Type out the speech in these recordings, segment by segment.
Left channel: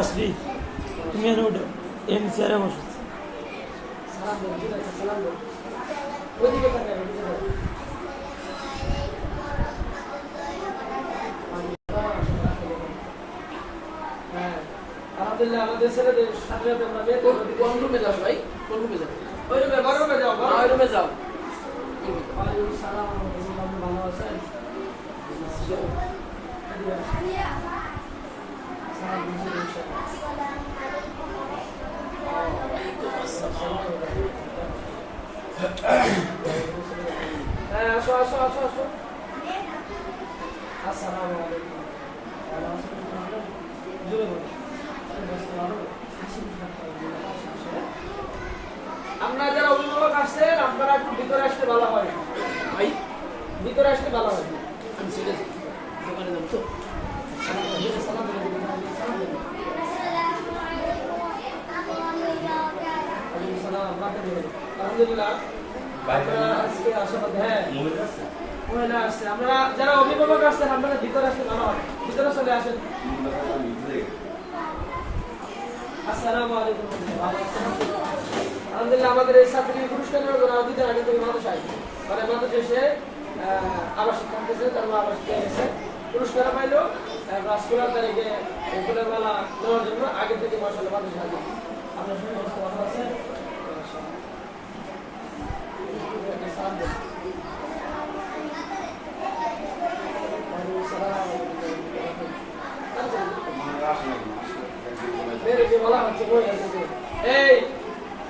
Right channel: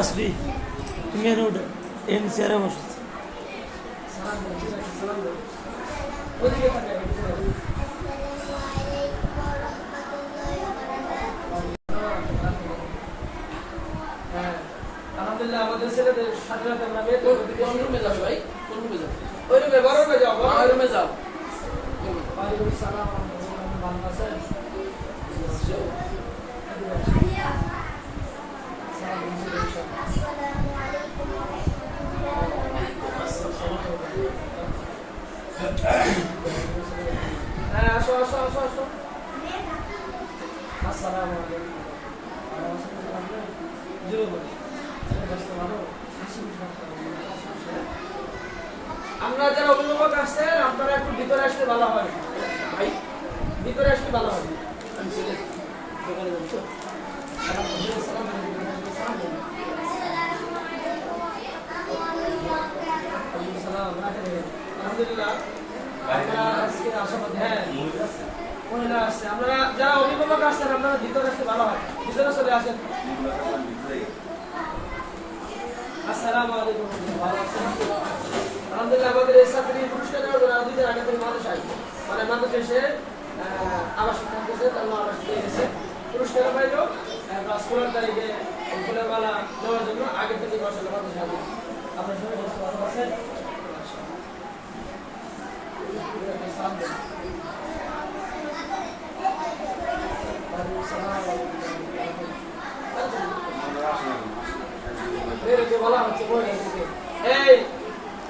তাসবি তুমি এনে উঠো। এন চেয়ারে বসো। আলহামদুলিল্লাহ আমাদের ছেলেদের সাথে সাথে আমরা বের করব। কোন রুমে যাও ভাই? কোন রুমে যাও? ওই রুমে বড় রুমে যাও ওই রুমে যাও। ভালো আছেন? আসো আসো আসো আসো আসসালামু আলাইকুম আপনারা? যারা অভিভাবক আসছেন আপনারা একটু ভিতরে আসলে ভালো হয় ভিতরে আসলে ভালো হয় আমি সিলেট দোকানে যাচ্ছ সালাম দিন, সালাম দিন, সালাম দিন। ওয়ালাইকুম সালাম, রাখেন দিন। আশাবাদ হ্যাঁ মানুষ আসবে মানে মানুষ ষোলো তারিখে দেওয়ার জন্য আগে থেকে মানুষ আপনার সঙ্গে আছেন সালাম দেন। ওয়ালাইকুম সালাম। বের হতে বলা হচ্ছে মহিলাদেরকে। এই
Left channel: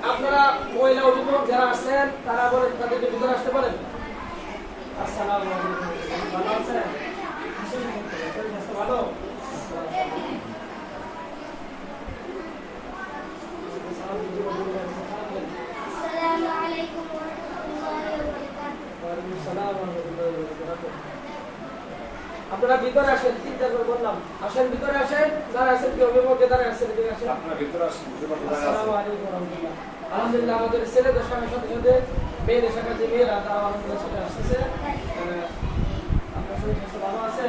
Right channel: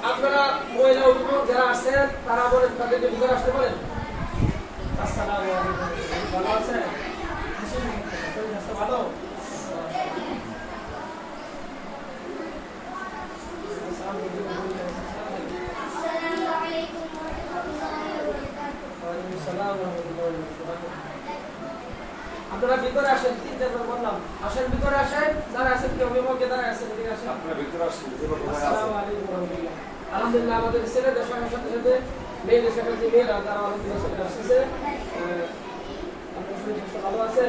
আপনারা মহিলা যারা আসছেন তারা বলেন তাদেরকে ভিতরে আসতে আলাইকুম। ভালো আছেন? ভালো? আপনারা ভিতরে আসেন তিনটা করে বললাম। আসেন ভিতরে আসেন যারা আছেন কি অভিভাবক যারা আছেন এদিকে আসেন। আসসালামু আলাইকুম আলহামদুলিল্লাহ আমাদের ছেলেদের সাথে সাথে সাথে মেয়েদের সাথে যে মেয়েরা তারা আলহামদুলিল্লাহ চলে আপনার শরীর স্বাস্থ্য ভালো আছে?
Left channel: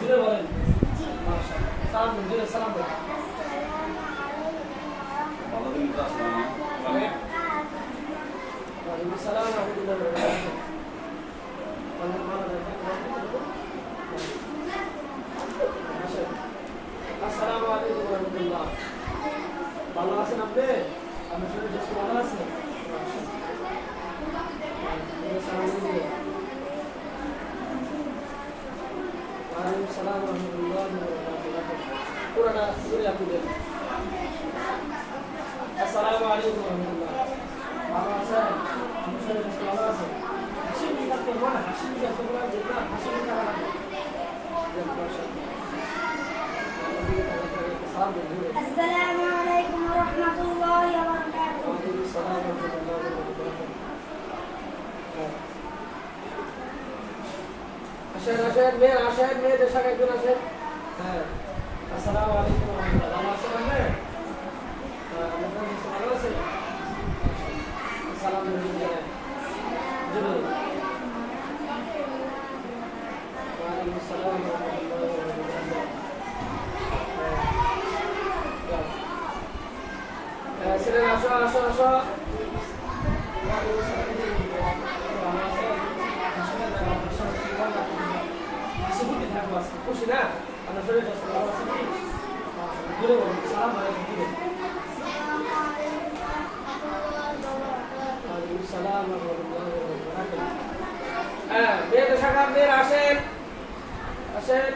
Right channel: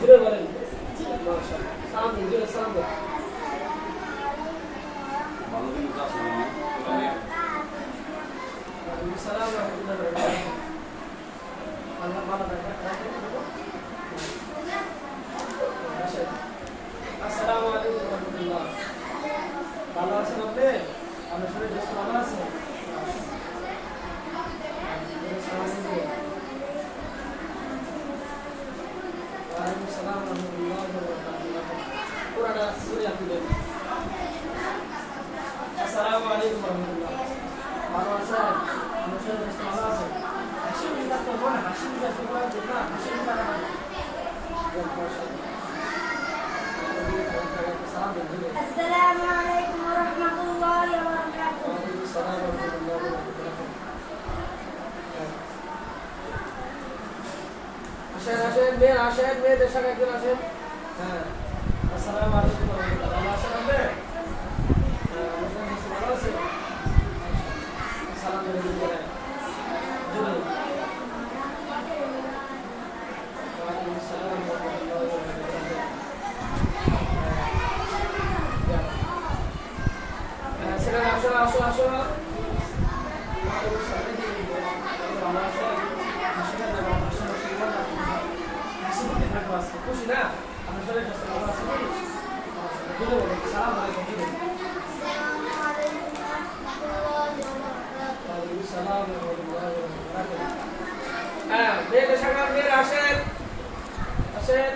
জুড়ে বলেন। সালাম জুড়ে সালাম দিন ওয়ালাইকুম আসসালাম। ওয়া রাহমাতুল্লাহি ওয়া আসসালামু আলাইকুম রাহমাতুল্লাহ। ভালো আছেন আপনি আপনার শরীর বেশ ভালো আছে ওয়ালাইকুম সালাম ওয়া রাহমাতুল্লাহি ওয়া বারাকাতুহু। পুরাটা শুরু আপনি দেন আসসালামু আলাইকুম রাহমাতুল্লাহ। ভালো আছেন আপনার শরীর বেশ ভালো আছে হাসি থাকতে হবে না হাসি বলা যে না হাসি মুখে السلام عليكم ورحمة الله وبركاته وعليكم السلام ورحمة الله وبركاته. আসেন আসেন মেয়ের আসেন মেয়েদের সাথে একজন আসেন হ্যাঁ আসসালামু আলাইকুম ওয়া রাহমাতুল্লাহ ভালো আছেন আপনি আসো আসো খুশি না আমার শরীরটা ভালো আছে সালাম আলাইকুম। হ্যাঁ মেয়েদের সামনে আসেন আসেন